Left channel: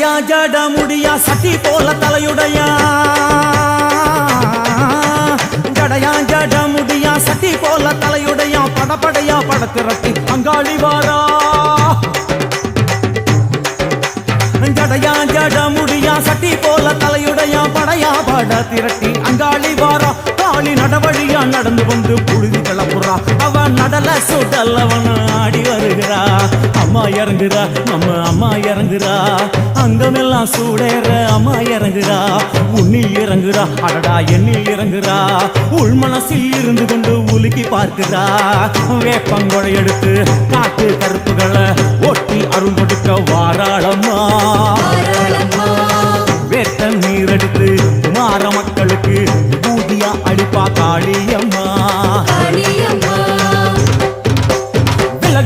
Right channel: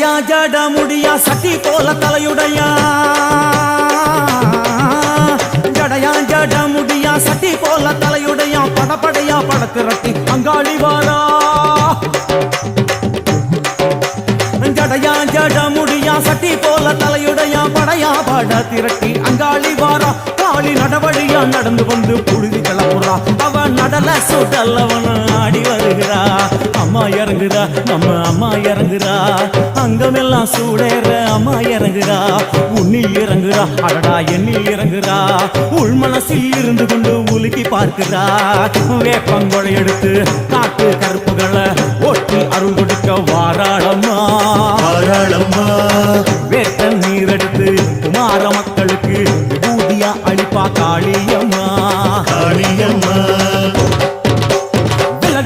ஜடையா ஜட முடியா சட்டி போல தலையுடையா ஜடையா ஜட முடியா சட்டி போல தலையுடையா படப்படையா படத்திரட்டி அங்காளி வாரா ஜடையா ஜட முடியா சட்டி போல தலையுடையா படையா பட திரட்டி அங்காளி வாரா காளி நடவழியா நடந்து வந்து புழுதி கிளப்புறா அவ நடல சுடல்லவன ஆடி வருகிறா அம்மா இறங்குறா நம்ம அம்மா இறங்குறா அங்கமெல்லாம் சூடேற அம்மா இறங்குறா உன்னில் இறங்குறா அடடா எண்ணில் இறங்குறா உள் மனசில் இருந்து கொண்டு உலுக்கி பார்க்கிறா வேப்பங்கொழை எடுத்து காட்டு கருப்புகளை ஒட்டி அருள் கொடுக்க வாராளம்மா வேட்ட நீர் எடுத்து குமார மக்களுக்கு விபூதியா அளிப்பா காளியம்மா